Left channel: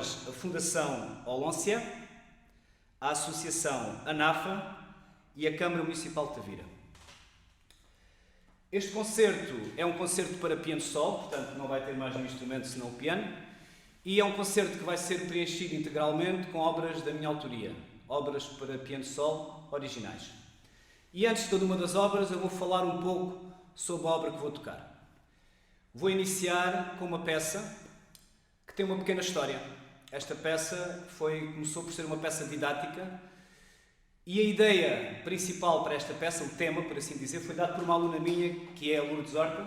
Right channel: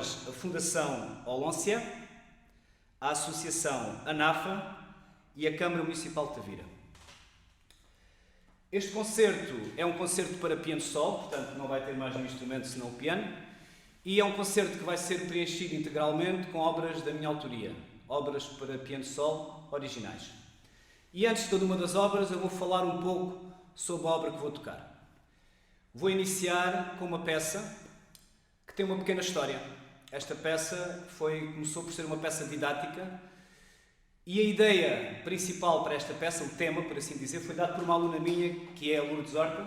nós a Fundação Olóncia, a Associação ANAFA e a Câmara Municipal de Tavira. Este concerto é um concerto para piano solo, portanto não vai ter mais um instrumento senão o piano, e é um concerto que vai ser preenchido integralmente com obras da minha autoria, obras para piano solo originais. E antes de cada uma das obras eu vou falar um pouco sobre a obra que vou tocar. Vou iniciar com uma peça que tem uma pequena história. Esta peça começou por ser uma peça didática e a ideia principal para esta peça, o tema, por assim dizer, foi dado por uma aluna minha, que é a Lourdes Horta,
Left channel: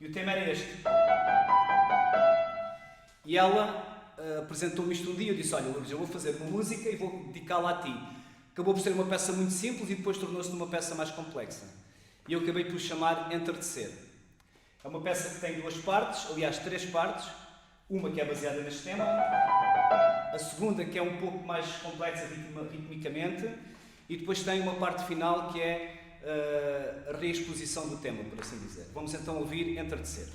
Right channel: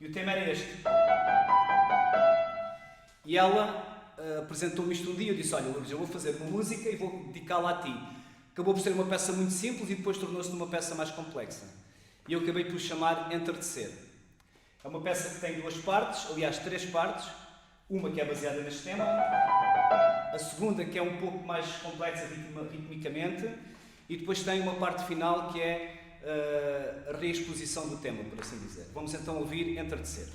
e o tema era este. E ela apresentou-me isto um dia, eu disse, olha Lourdes, eu vou fazer uma música e vou dedicá-la a ti. Acabou por ser uma peça muito simples e depois tornou-se uma peça mais complexa. E eu acabei por chamar Entardecer. É uma peça que tem duas partes, aliás, três partes. Uma que é baseada neste tema, a segunda que é um pouco mais complexa ritmicamente, e depois tem uma parte final que é a reexposição do tema, por assim dizer. Vamos então ouvir Entardecer.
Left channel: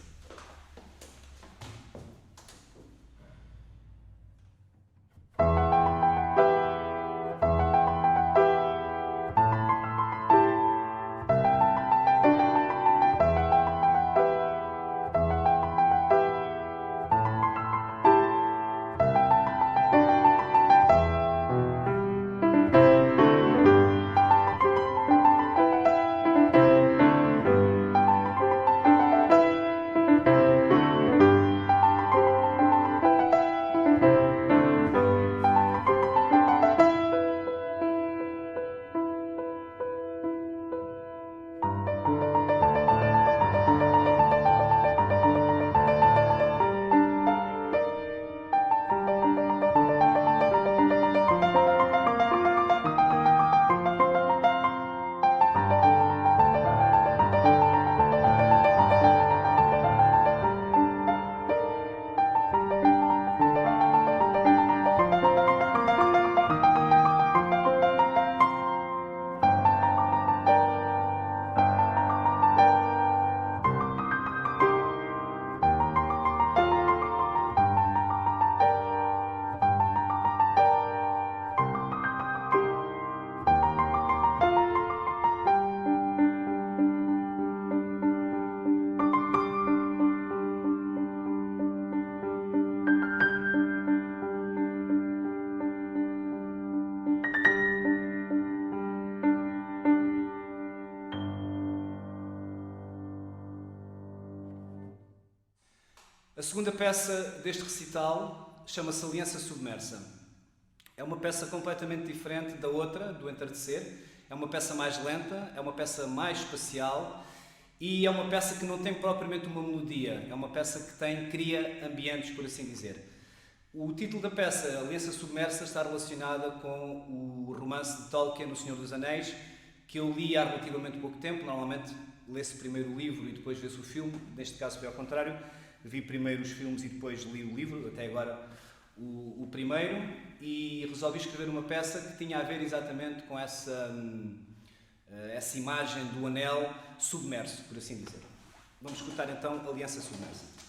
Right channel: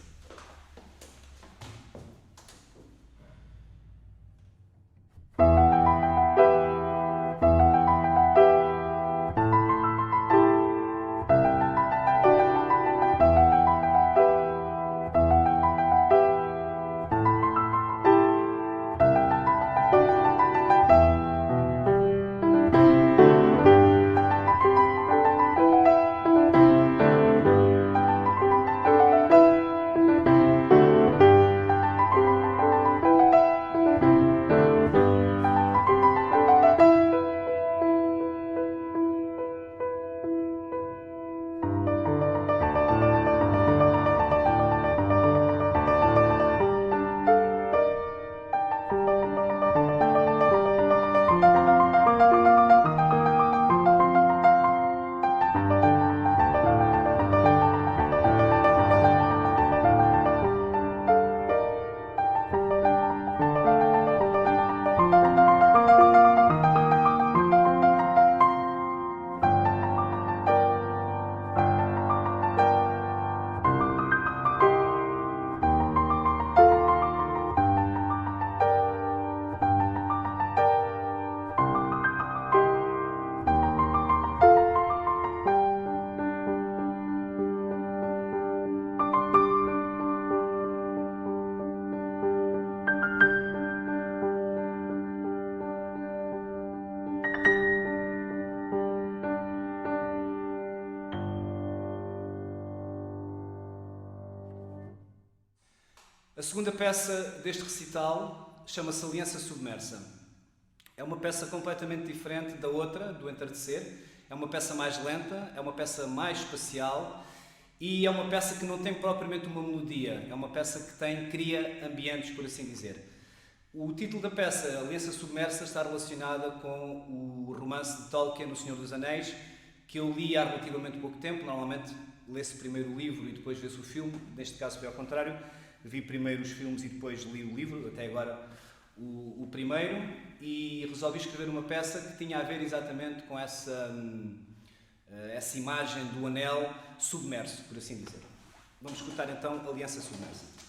A segunda peça deste recital chama-se Aliança Submersa. É uma peça completamente diferente da outra, do Entardecer. É uma peça mais lenta, é uma peça mais espacial e é uma peça que não tem propriamente uma melodia. É uma peça que cria ambientes, por assim dizer. O título da peça, Aliança Submersa, está relacionada com o romance de Tolkien, O Senhor dos Anéis, que eu li há relativamente pouco tempo. Normalmente lê-se primeiro o livro e depois vê-se o filme. Neste caso foi ao contrário. Vi primeiro os filmes e depois li o livro, até agora o primeiro, e resolvi escrever uma peça que tinha a ver exatamente com essa imagem do anel submerso, por assim dizer. Vamos escutar então Aliança Submersa.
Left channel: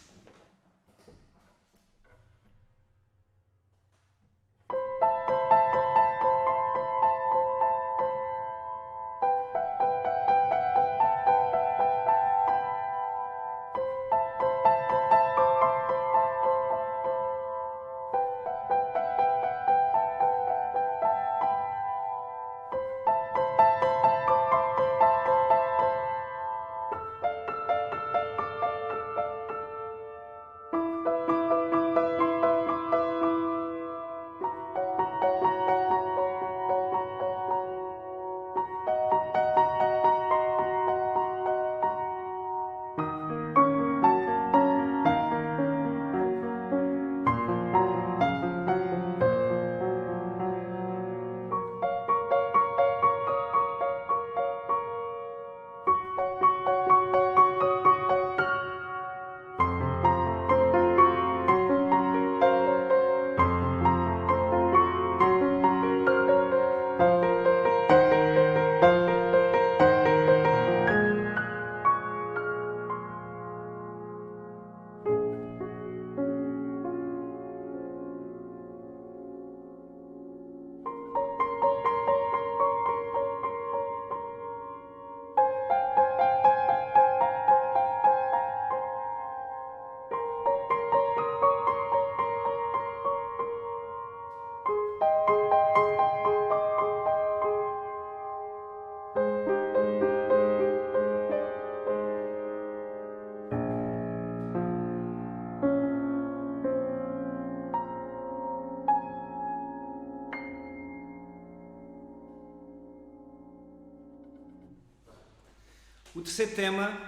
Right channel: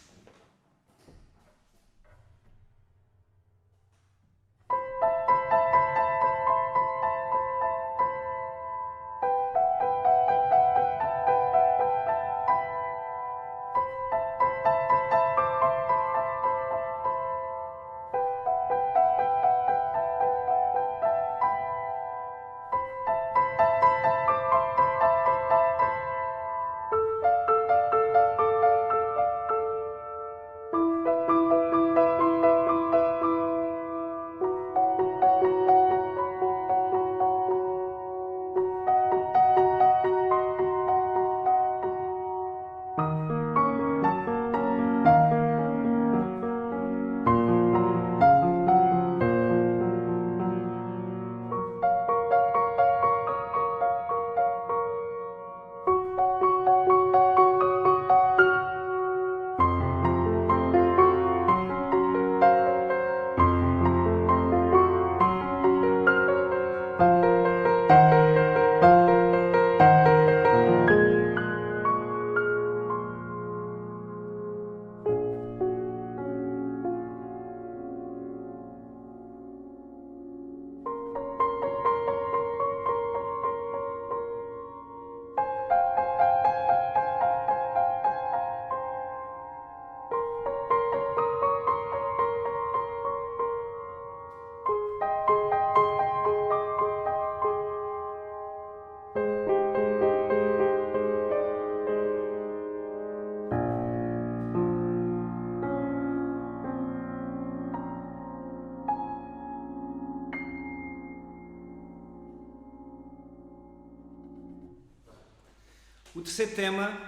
O terceiro tema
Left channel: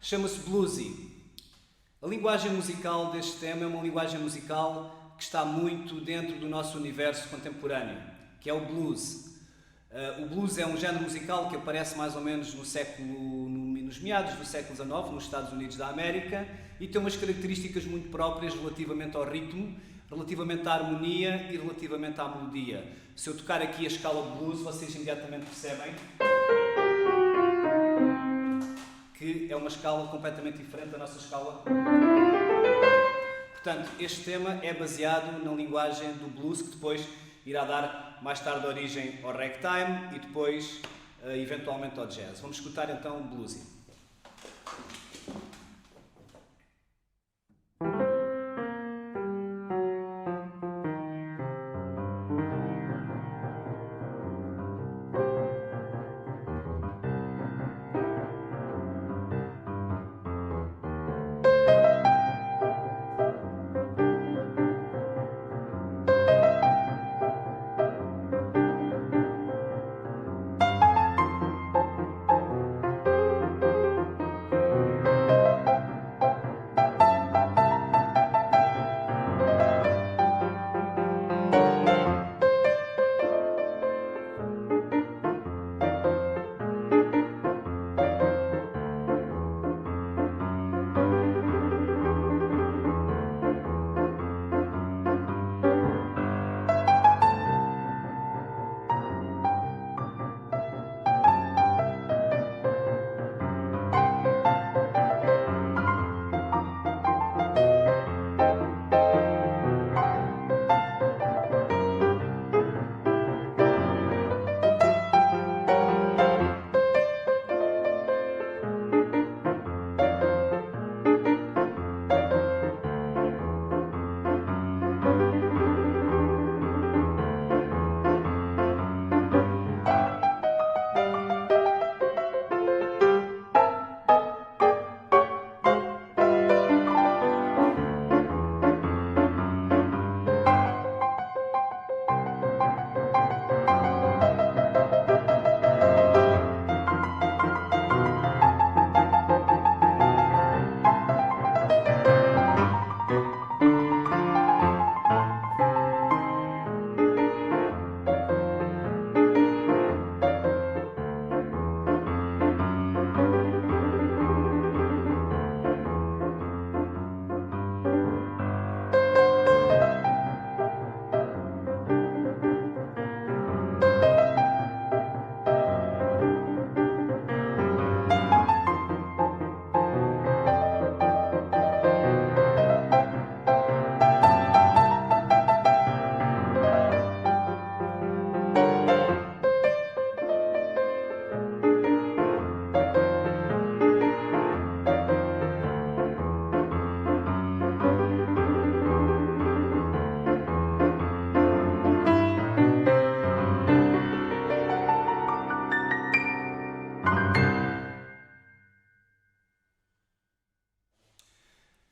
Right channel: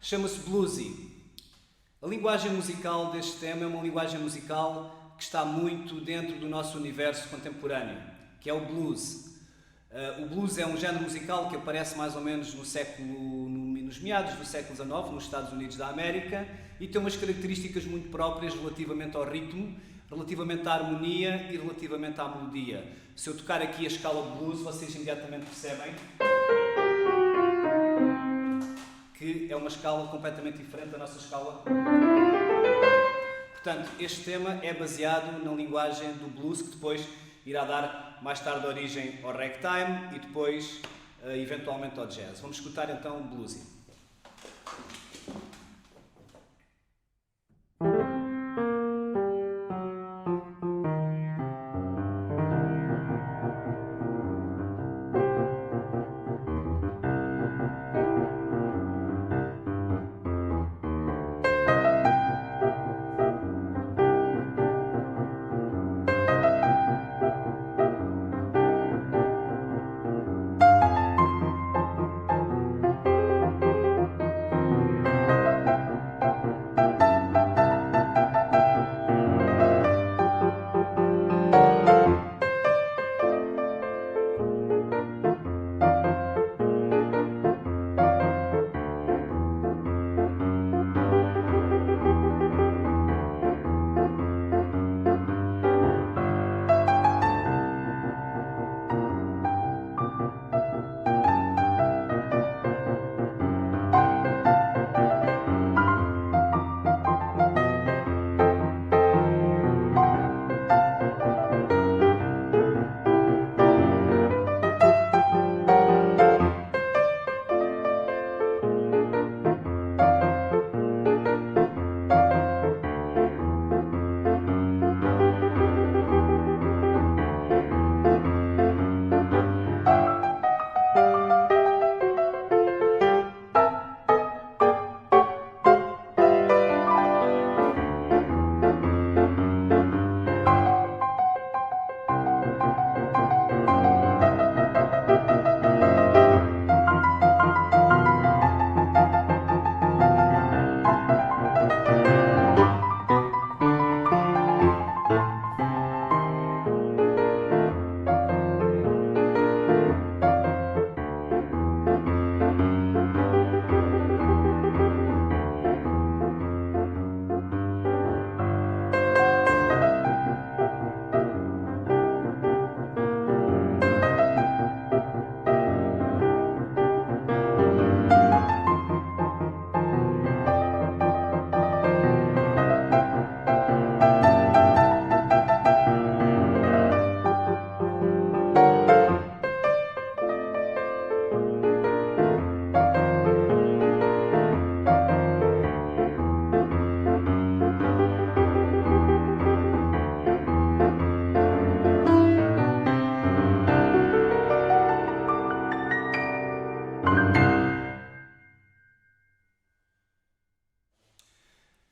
chama-se Bluesy. A linguagem musical deste tema é uma linguagem musical que está muito dentro do nosso universo contemporâneo, que é o blues. O blues é um género musical que aparece mais ou menos nos meados do século XIX, nos Estados Unidos da América, e tem umas características muito próprias relativamente ao ritmo, relativamente à harmonia e relativamente à melodia. Se eu tocar aqui a escala de blues, vocês imediatamente percebem que é uma escala completamente diferente da nossa escala. Portanto, este tema é baseado na linguagem do blues, que depois irá dar mais tarde origem ao ragtime e depois, eventualmente, ao jazz. Vamos escutar então Bluesy.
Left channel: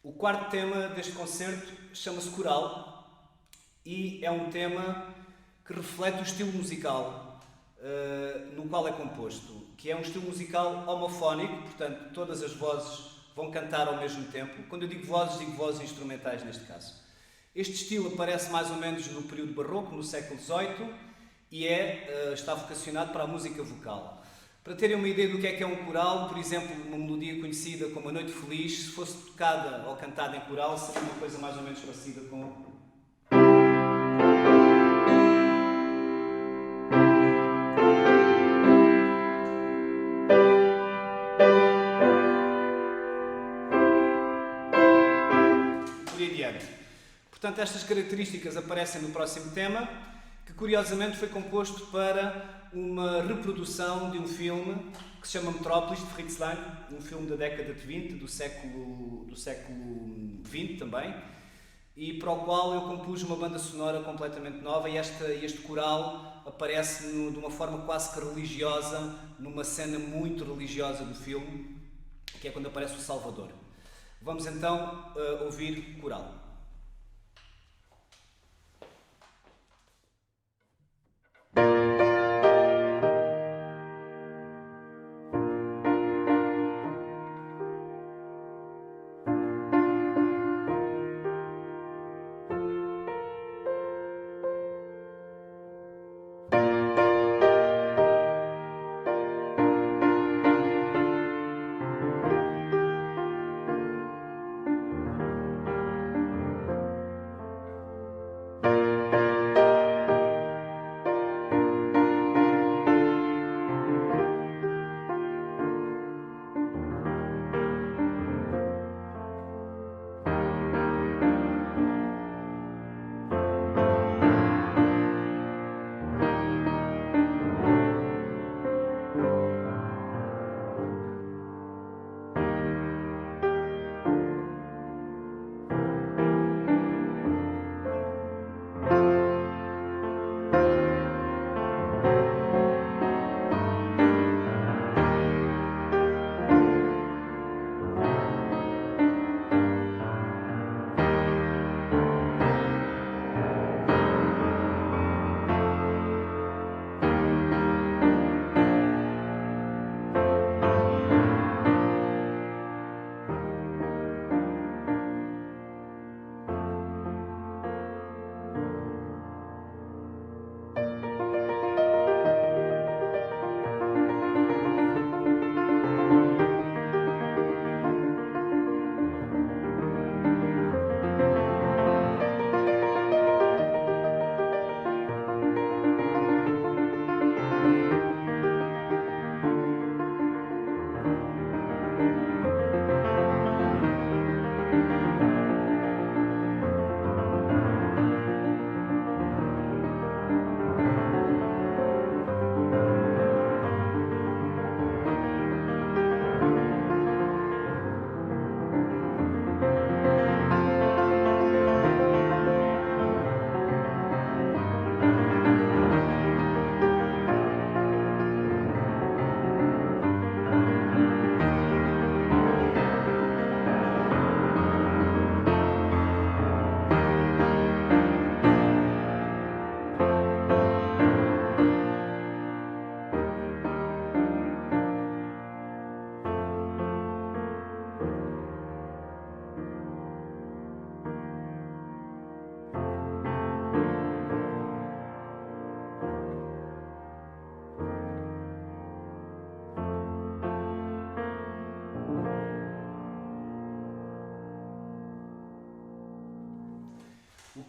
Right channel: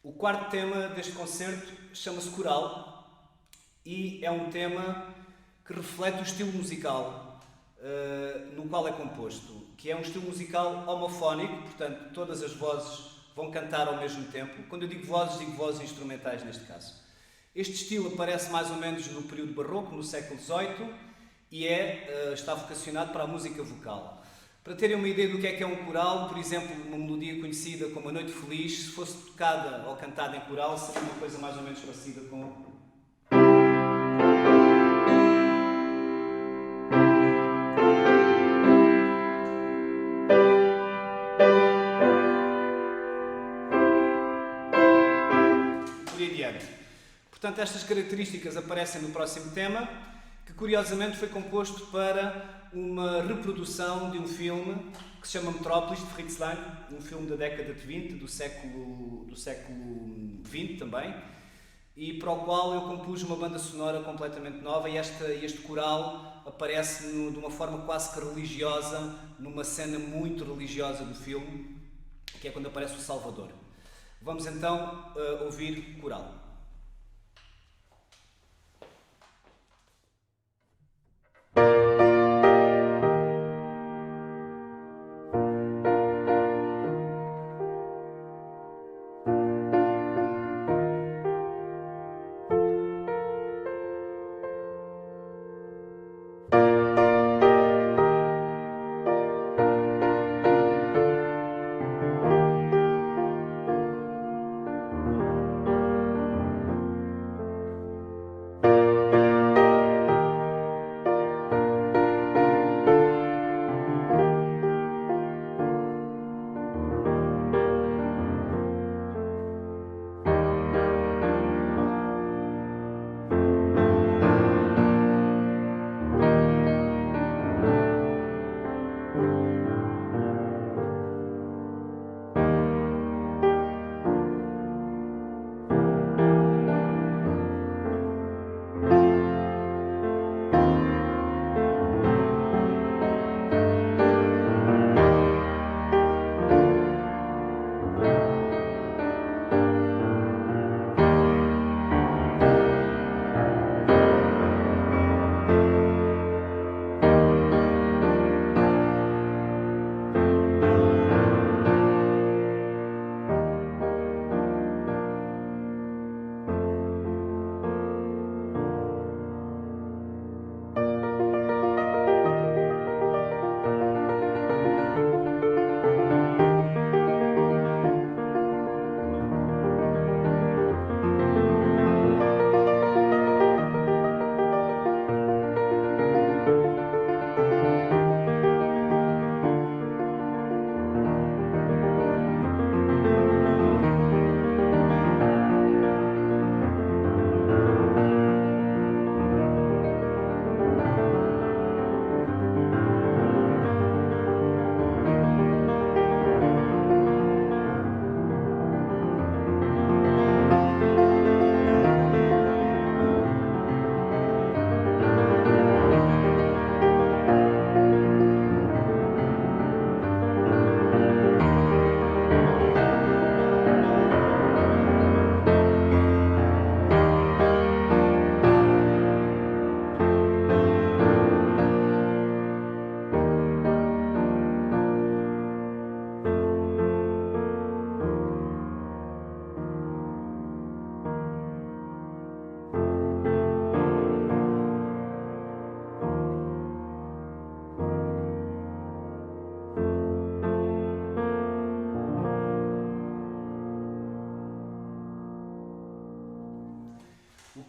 O quarto tema deste concerto chama-se Coral e é um tema que reflete o estilo musical no qual é composto, que é um estilo musical homofónico, portanto todas as vozes vão cantar ao mesmo tempo. Quando eu digo vozes instrumentais neste caso. Este estilo aparece mais ou menos no período barroco, no século XVIII, e está vocacionado para a música vocal. Para terem uma ideia do que é um coral, por exemplo, uma melodia conhecida como A Noite Feliz, se fosse tocada ou cantada em coral, seria uma coisa mais ou menos parecida com... por aí adiante. Portanto, estas características aparecem no próximo tema, que curiosamente foi composto para uma reprodução de um filme que se chama Metrópolis, de Fritz Lang, um filme da década de 20, do século XX também, e para o qual eu compus uma banda sonora completamente nova, e este coral aparece de uma forma quase que religiosa, numa cena muito religiosa do filme, que é quando aparece o Salvador. Vamos então ouvir coral.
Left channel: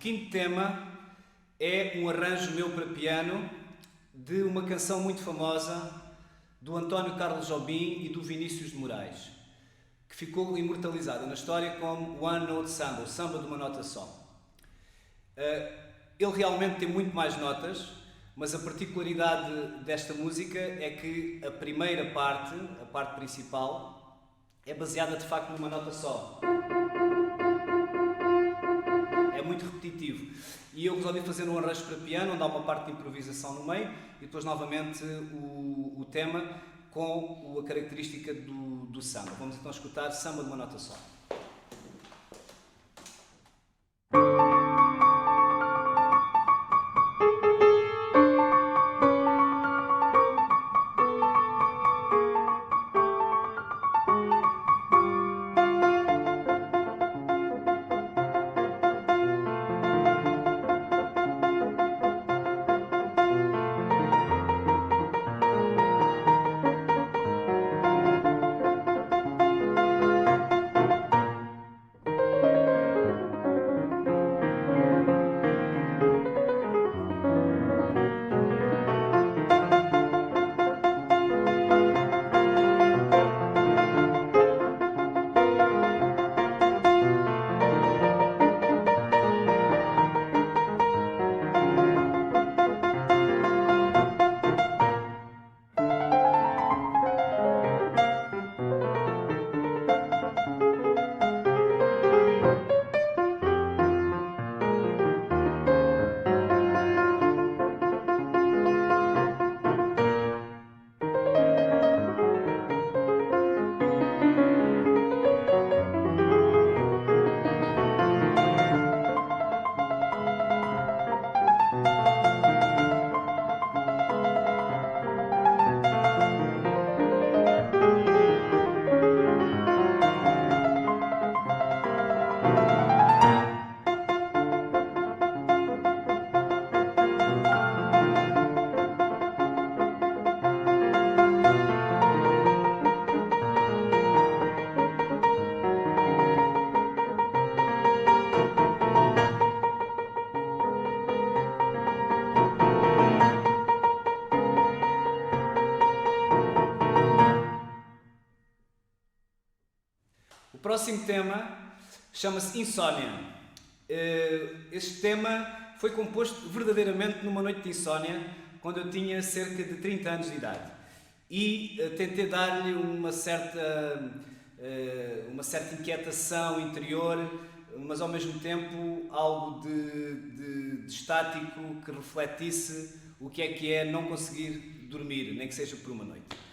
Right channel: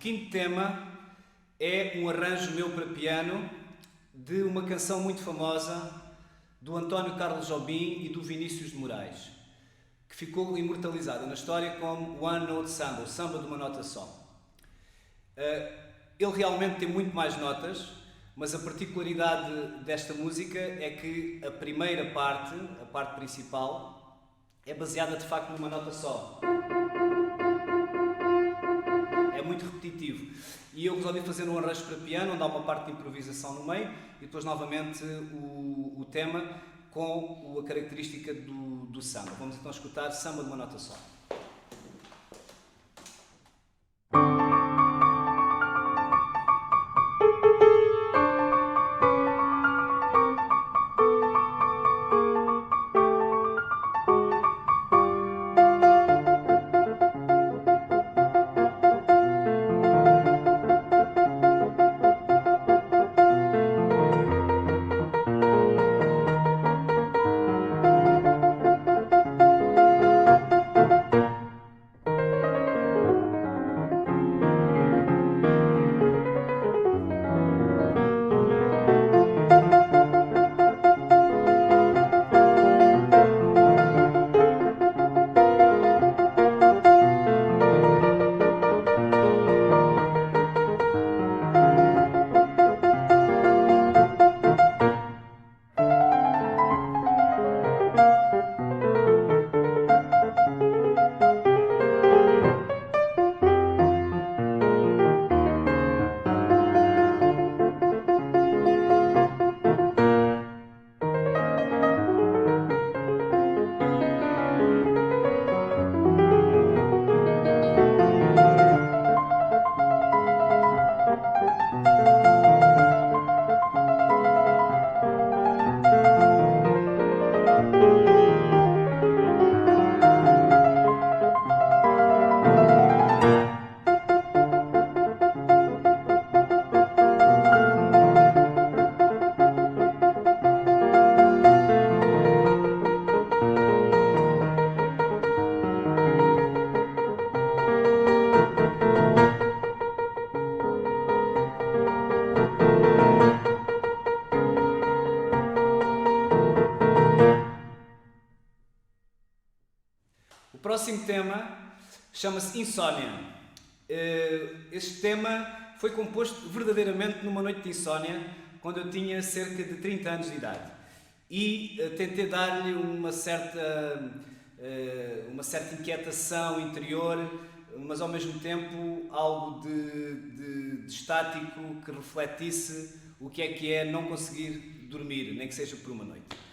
quinto tema é um arranjo meu para piano de uma canção muito famosa do António Carlos Jobim e do Vinícius de Moraes, que ficou imortalizada na história como One Note Samba, o samba de uma nota só. Ele realmente tem muito mais notas, mas a particularidade desta música é que a primeira parte, a parte principal, é baseada de facto numa nota só. É muito repetitivo. E eu resolvi fazer um arranjo para piano, onde há uma parte de improvisação no meio, e depois novamente o tema com a característica do samba. Vamos então escutar samba de uma nota só. O próximo tema chama-se Insónia. Este tema foi composto verdadeiramente numa noite de insónia, quando eu tinha cerca de 30 anos de idade. E tentei dar-lhe uma certa inquietação interior, mas ao mesmo tempo algo de estático que refletisse o que é não conseguir dormir, nem que seja por uma noite.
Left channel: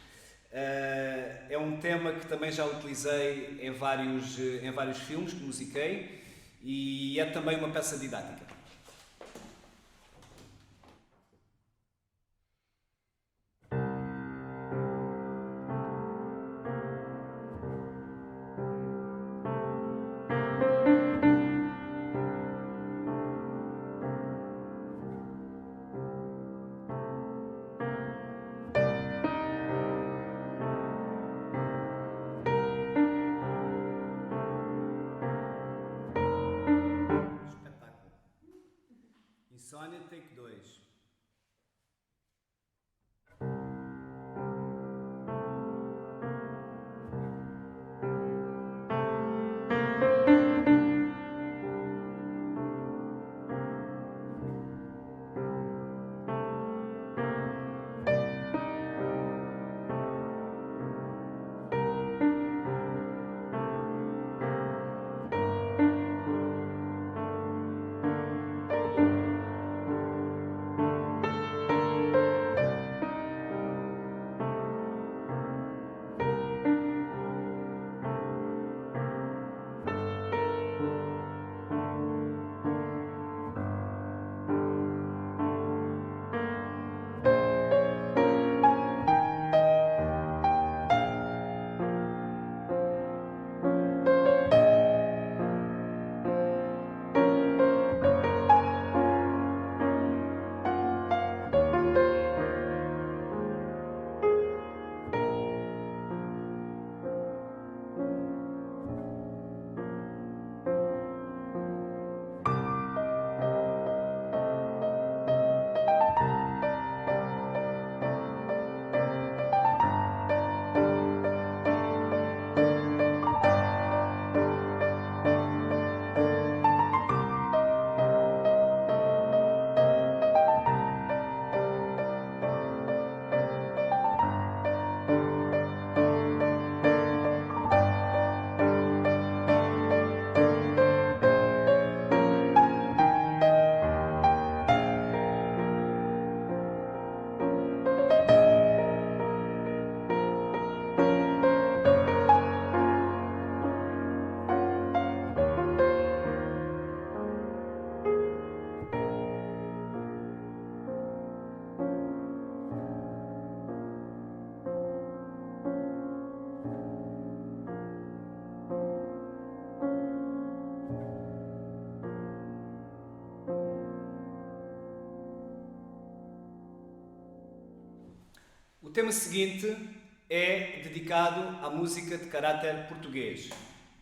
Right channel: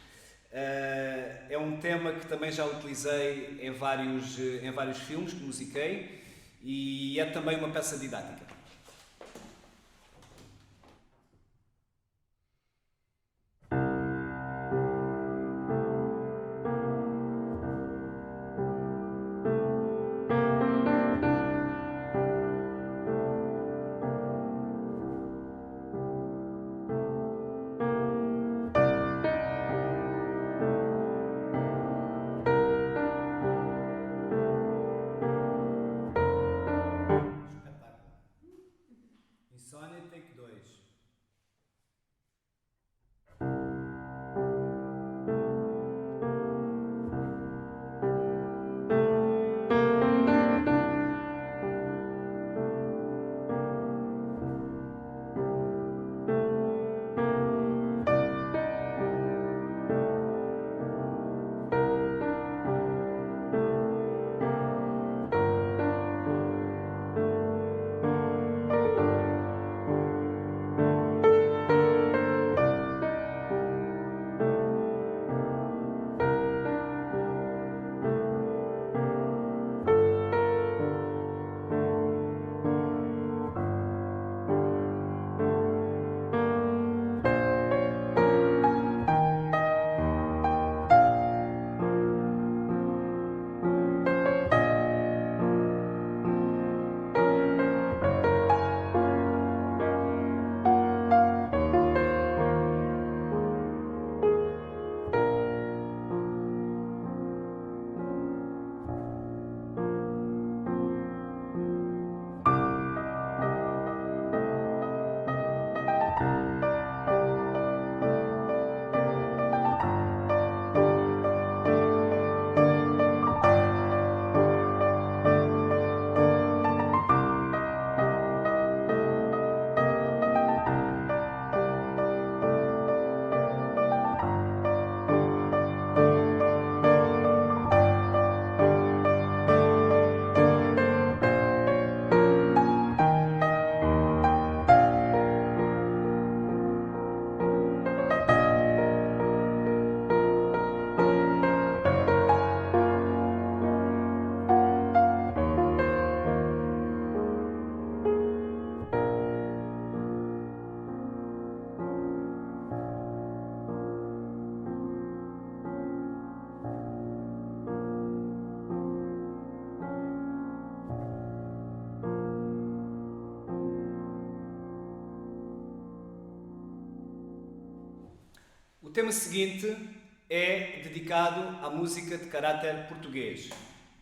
É um tema que também já utilizei em vários filmes que musiquei e é também uma peça didática. Insónia, take 2. tema seguinte é dedicado à música de caráter português.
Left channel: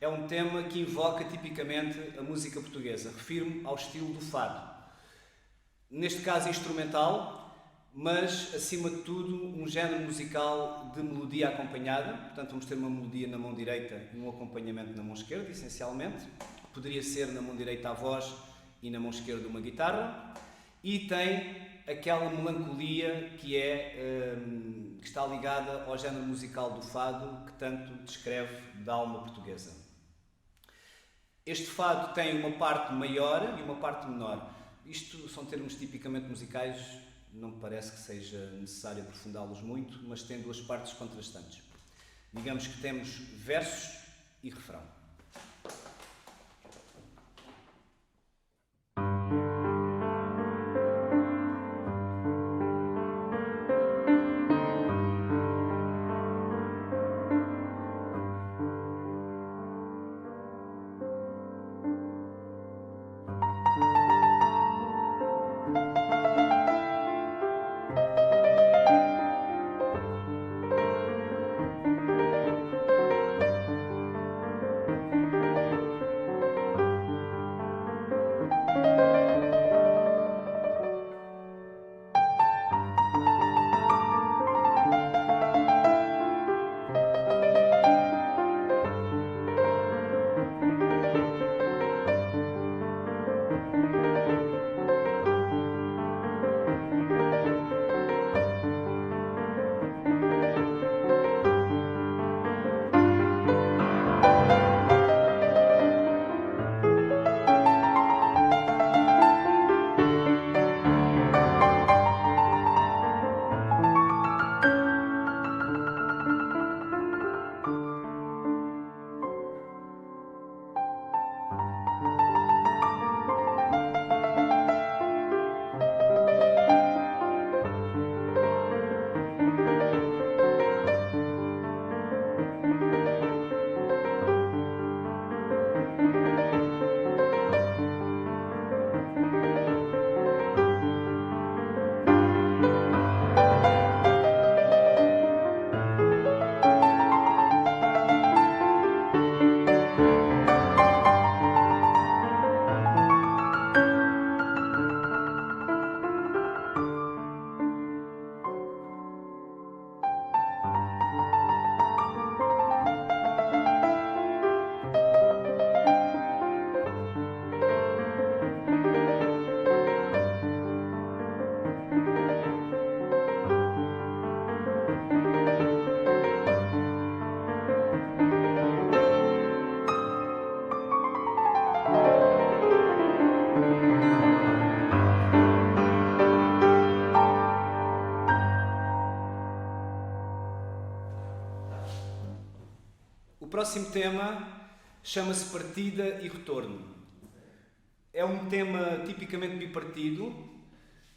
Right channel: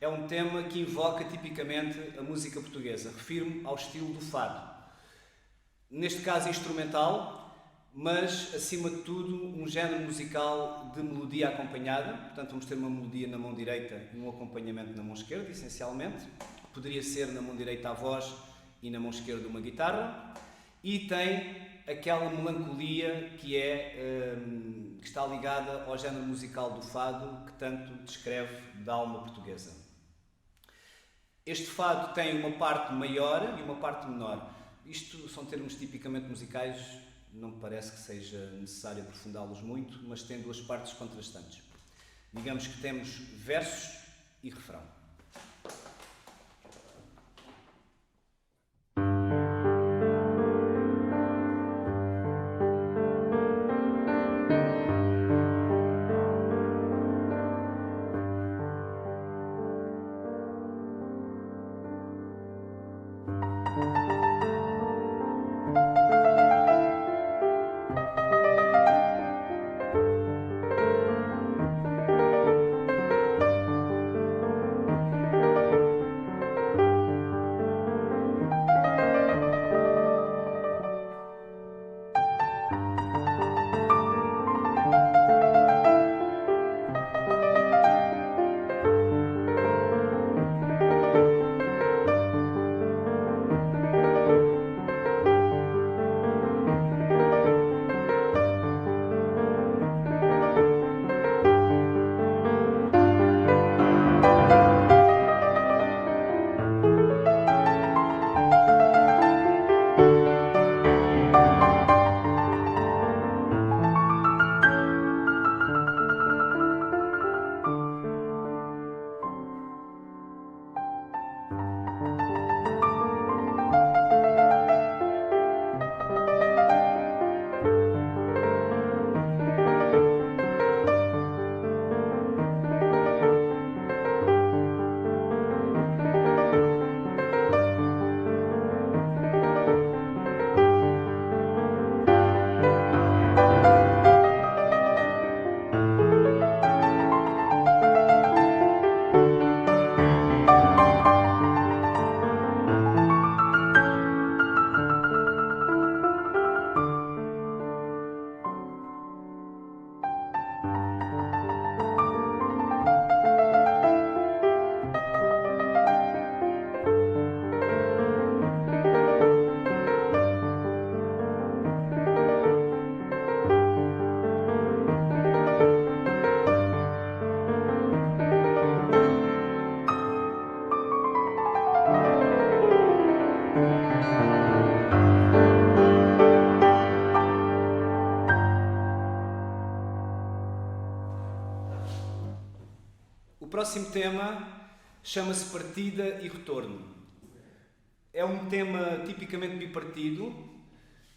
É um tema que invoca tipicamente a música portuguesa. Refiro-me ao estilo do fado. Neste caso instrumental, mas acima de tudo um género musical de melodia acompanhada. Portanto, vamos ter uma melodia na mão direita e um acompanhamento na mão esquerda, essencialmente. Poderia ser na mão direita a voz e na mão esquerda uma guitarra. E tem aquela melancolia que está ligada ao género musical do fado que tanto descreve da alma portuguesa. Este fado tem uma parte maior e uma parte menor. Isto são termos tipicamente musicais, não me parece que seja necessário aprofundá-los muito, mas tem duas partes contrastantes. Digamos que temos versos e refrão. O próximo tema chama-se Partida e Retorno. É um tema tipicamente bipartido.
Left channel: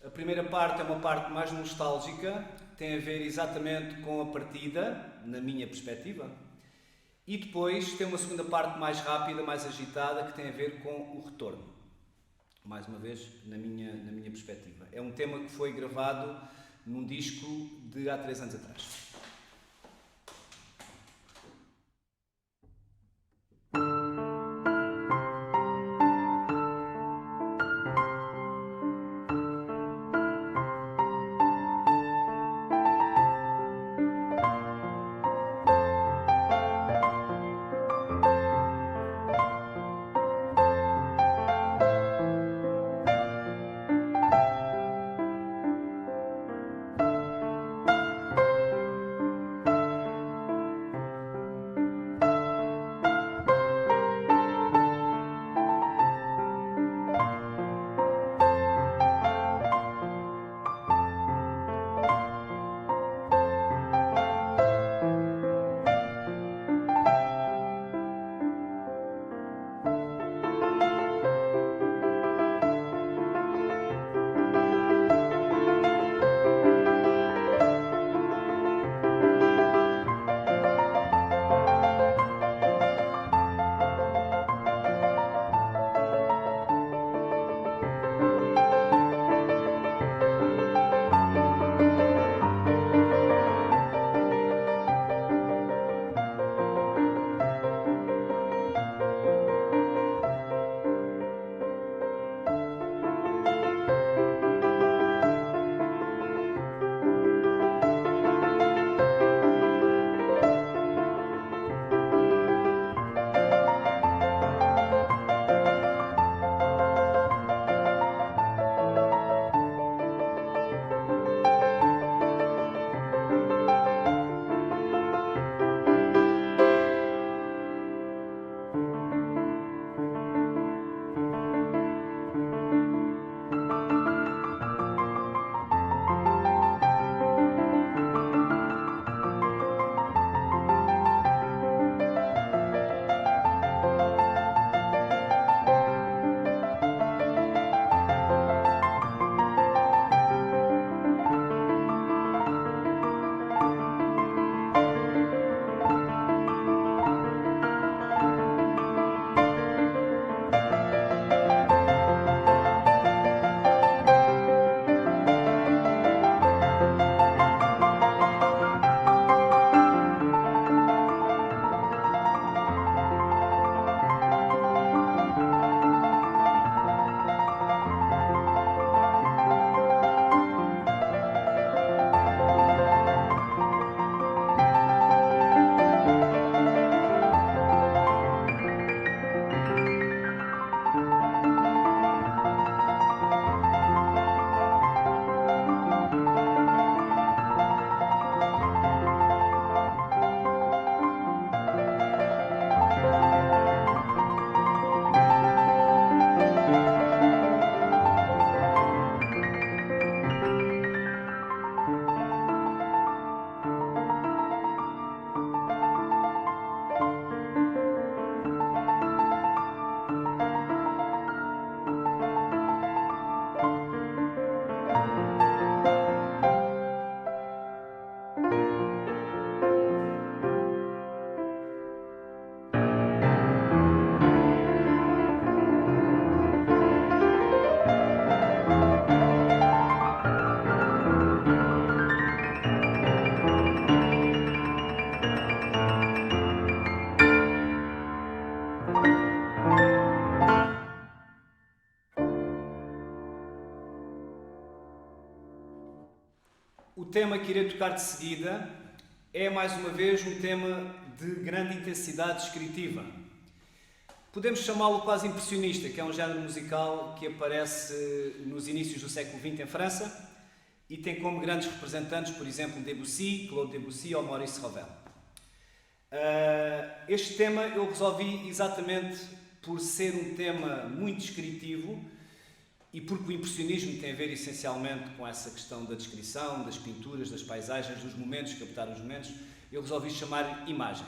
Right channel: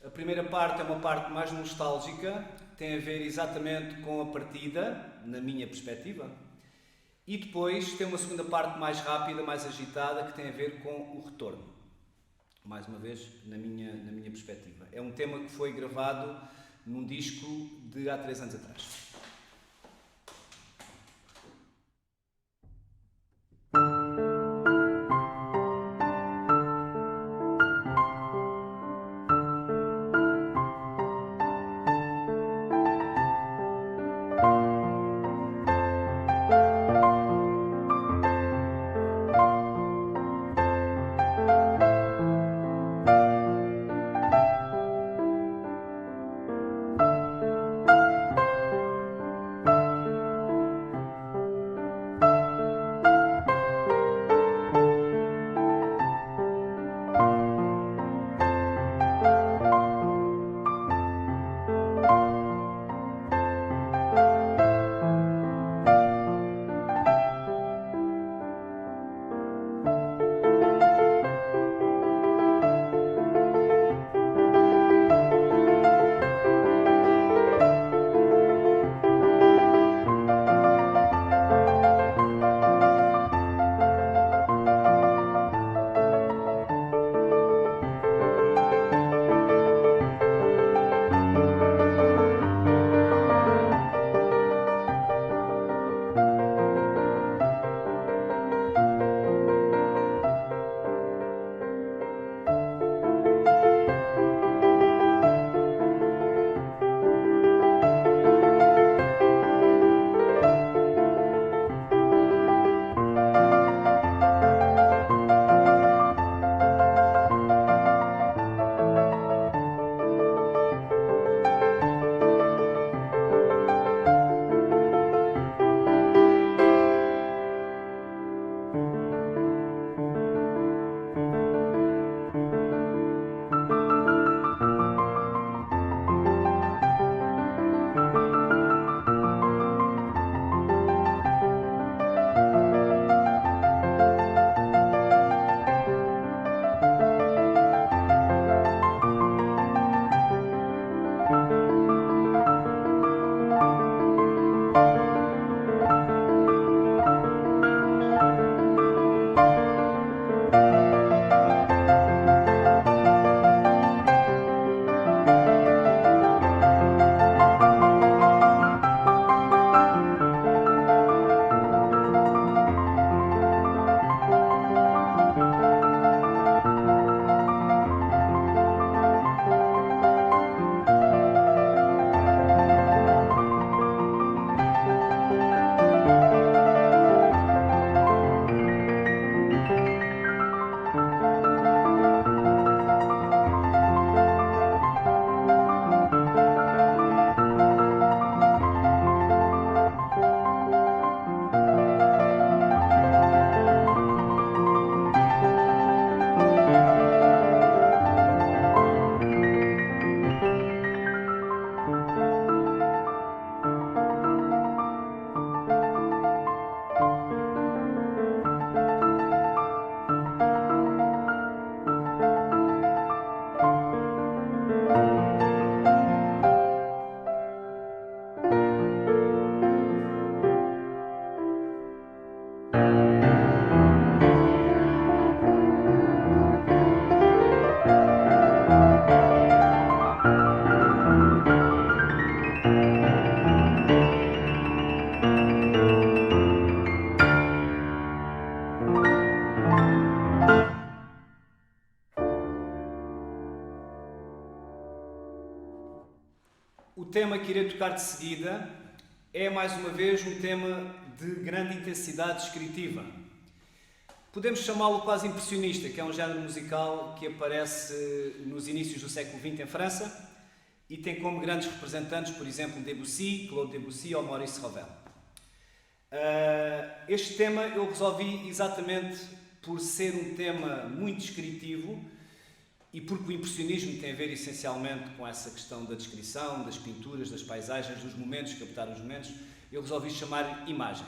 A primeira parte é uma parte mais nostálgica, tem a ver exatamente com a partida, na minha perspectiva. E depois tem uma segunda parte mais rápida, mais agitada, que tem a ver com o retorno. Mais uma vez, na minha perspectiva. É um tema que foi gravado num disco de há 3 anos atrás. O tema que irei tocar de seguida é, mais uma vez, um tema de grande intensidade descritiva. Podemos chamá-lo quase impressionista, que é um género musical que aparece nos inícios do século XX em França e tem como grandes representantes, por exemplo, Debussy, Claude Debussy ou Maurice Ravel. Este tema eu resolvi exatamente por ser um tema muito descritivo e porque o impressionismo tem a ver essencialmente com essa questão da descrição, das pinturas, das paisagens, dos momentos, captar os momentos, eu resolvi chamar imagem.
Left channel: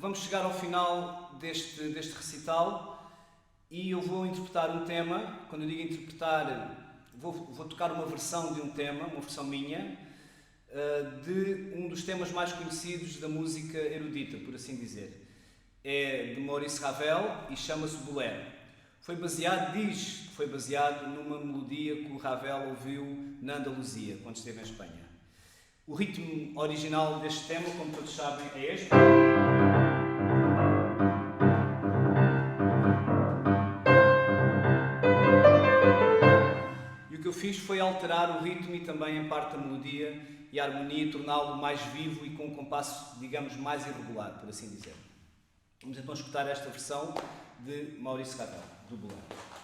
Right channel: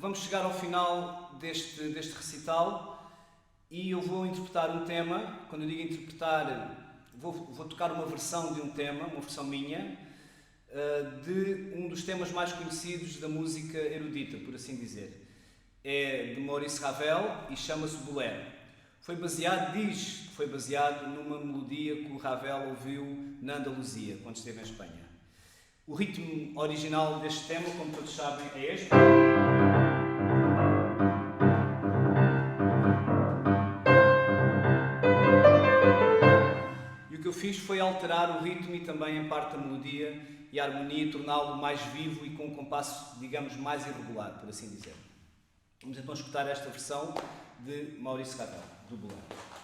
Vamos chegar ao final deste recital e eu vou interpretar um tema. Quando eu digo interpretar, vou tocar uma versão de um tema, uma versão minha, de um dos temas mais conhecidos da música erudita, por assim dizer. É de Maurice Ravel e chama-se Bolero. Diz que foi baseado numa melodia que o Ravel ouviu na Andaluzia, quando esteve em Espanha. O ritmo original deste tema, como todos sabem, é este. E o que eu fiz foi alterar o ritmo e também em parte a melodia e a harmonia e torná-lo mais vivo e com um compasso, digamos, mais irregular, por assim dizer. Vamos então escutar esta versão de Maurice Ravel, do Bolero.